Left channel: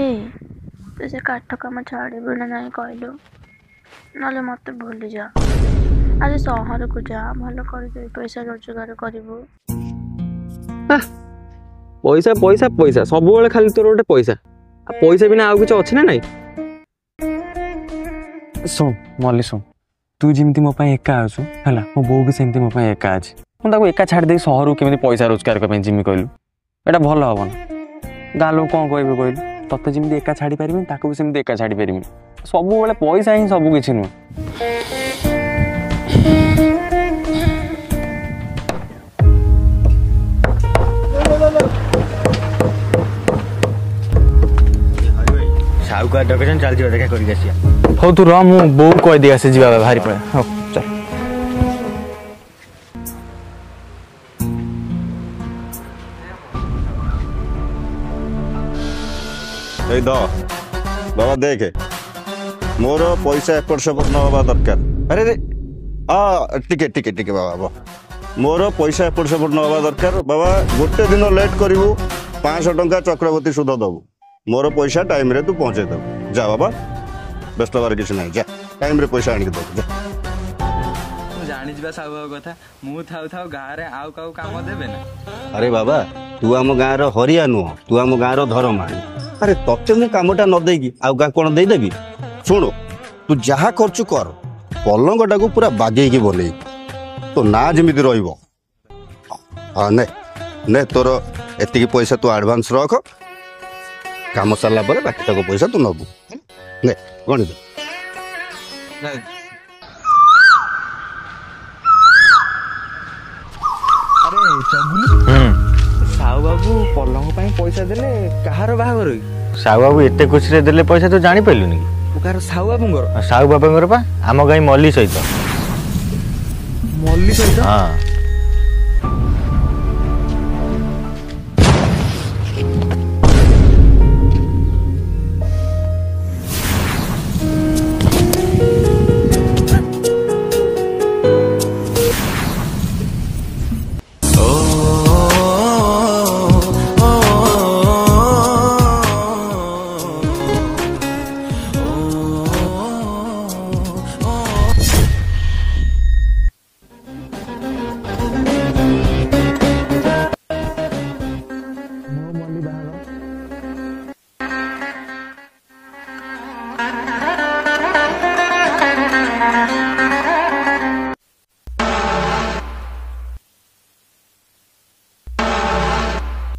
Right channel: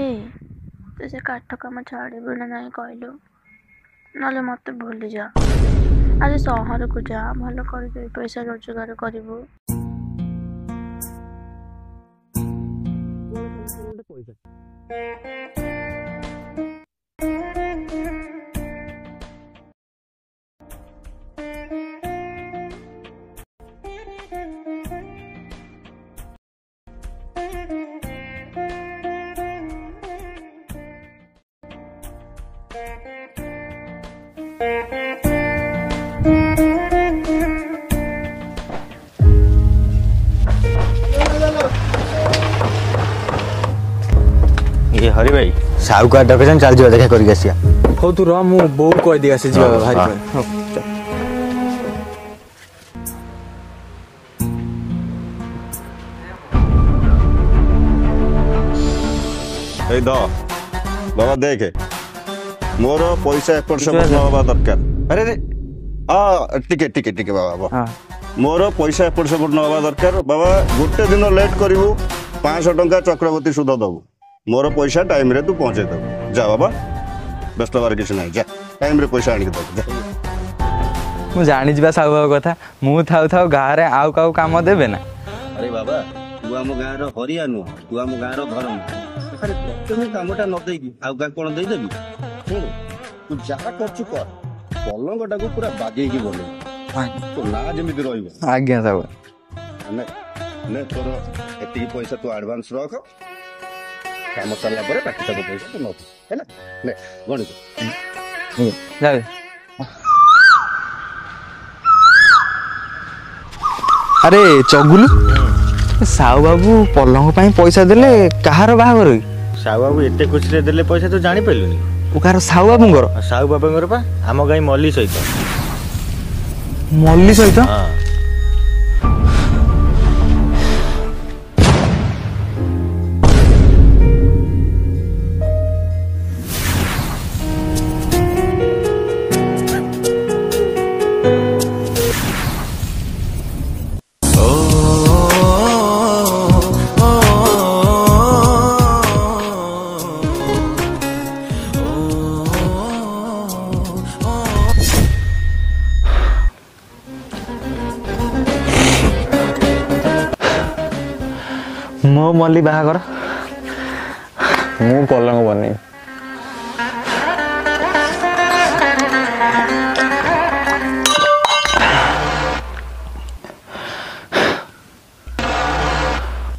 ए तू से काठ काम छाड़बू ना नहीं कहलु ना मत भूली जा आज सहर को जा भल कर पैसा रोजगार करू। पैसा पैसा पैसा सब बेले खाली तोर गोटे पैसा पैसा बिना आउ किछ अछि ना नहीं। सुन मल्ली सुन तू जिमती मो पाई एका आसु हैला मो बो भी सेमती मो पाई एका अछि मु ताको एका छाड़ दे सहर केमि पैसा रोजगार करबे जिमि कहलु एटा भल हबन गाँ लोग कौन कहबे कहलु तते जिमती एका छाड़ी पारिबे ताको भी सेमती एका छाड़ी पारिबे सब बेले पैसा ही सब किछ नु। हरि भाई साहुकार डकन चल जा देखा करके आसिया। हो तू रा मु बो कह दिया से जीवा भारी पे ए द बाबा देखे मोर पैसा एपट सेपट न होबा दरकार। अरे रे टिके टिके टिके बाबा मोर पैसा एपट सेपट न होबा दरकार बाबा। गोटे दिन लेट करू 500 टंका चक्रवर्ती सुध दबू मोर पैसा टाइम रे तू पहुंचे दबू जा बाबा व्यस्त बार किसी ना जा टाइम रे पैसा आनिक दबू जा। मु जानी जिबा साहु बाबू कथा मु थाउ थाउ गाँ रे आउ काउ काम देबे ना। अरे बाबा तू आम गाँ रो हरिया नुह तू आम गाँ रो धर्मा। अरे तते मु कामटा न देगी आउ गाँ कोन दे देबी। सुन तू जहा खर्च कर पलंगटा को पूरा बागेई के बोले तो ना जेमिति रहइबो। आज्ञा साहु हां ने ने तोर एतिकी पैसा तू एडवांस रख काम सरला परे बाकी तक पैसा तू नबू है ना ले गणी दे जावे। अरे चगुलू साहु बाबू पलंग पाई पैसा देले कहार बाहागर साहु बाबू एते खुशी रे देले पैसा तो जानी पाइलुनी ओ कार साहु बाबूंगर साहु बाबांगर पा आम गाई मल्ली सहित हां मो मल्ली बाहागर मु पलंग बने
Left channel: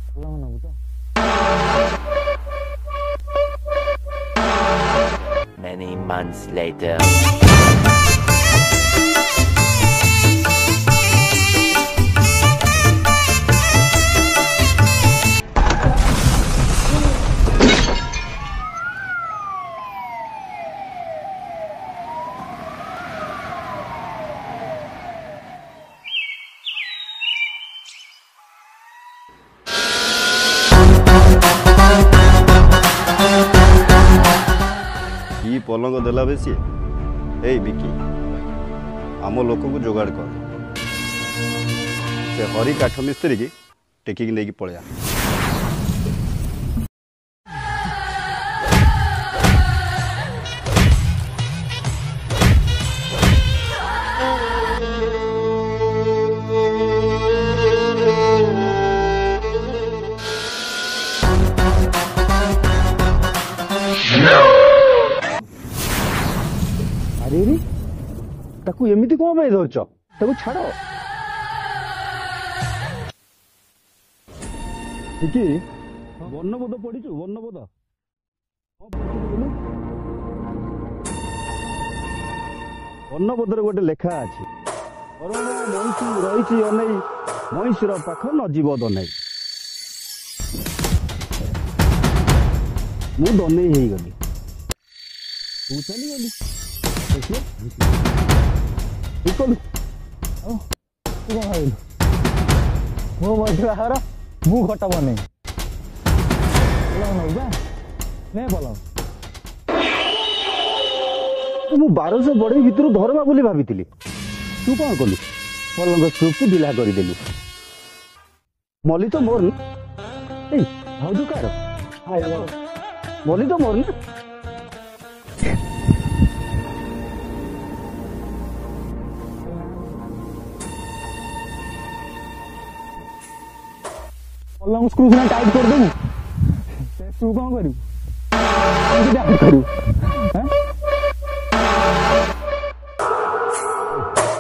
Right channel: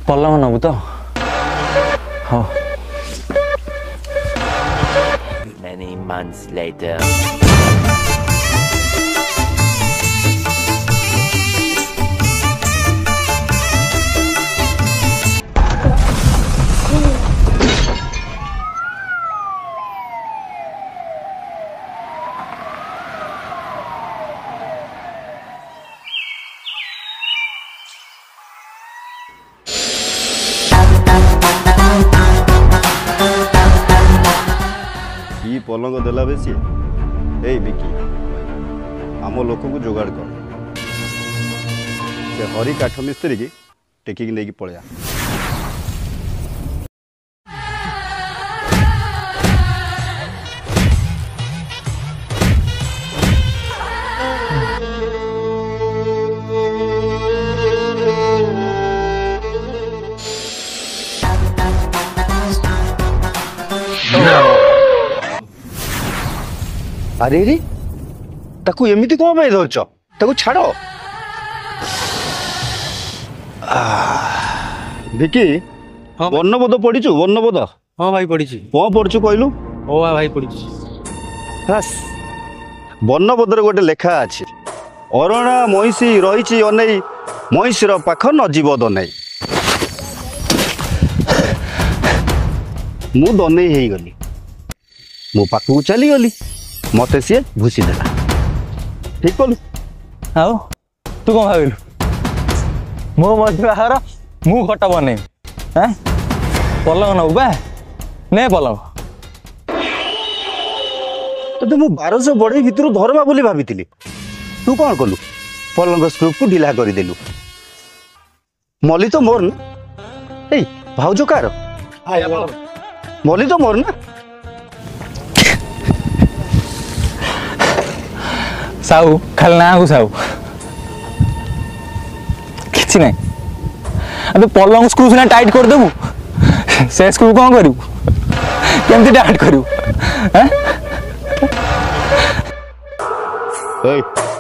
पलंग नबु तो हाँ। Many months later. ई पलंग देला बेसी ए बिकी आम लोक को जोगाड़ कर से हरी काठ मिस्त्री की टेकिक नहीं पड़िया। अरे रे ताकू एमिति कौन भाई धरच ताकू छाड़ देखी वर्णबोध पढ़ीचु वर्णबोध। हाँ भाई पढ़ी कौन पढ़ु कहलु ओ भाई पढ़ी वर्णबोध गोटे लेखा अच्छी अरणा महिषी रही अनै महिषीर पाख नजीव दनै मु दनै हो गली मो पाखक चलीगली मत सी भूसी देला ठीक कलु। आओ तू कौन भाविलु मो मल्ली बाहागर मु खट बने पलंग नबु बा ने पलंग तो मु 1200 बढ़ई भितर धरमा बोली भाभी तू कौन कलु पलंग स्क्रूप को ढिला करदेलु मल्ली तो मोर ए भाउज कार ମଲି ତ ମୋର ନା ସାହୁ ଖାଲି ନାଁକୁ ସାହୁ କିଛି ନାହିଁ ତୁ ପଲଙ୍ଗ ସ୍କ୍ରୁ ସିନା ଟାଇଟ୍ କରିଦେବୁ ସେ ସ୍କ୍ରୁ କ'ଣ କରିବୁ କେମିତି ଟାଇଟ୍ କରିବୁ ଏଇ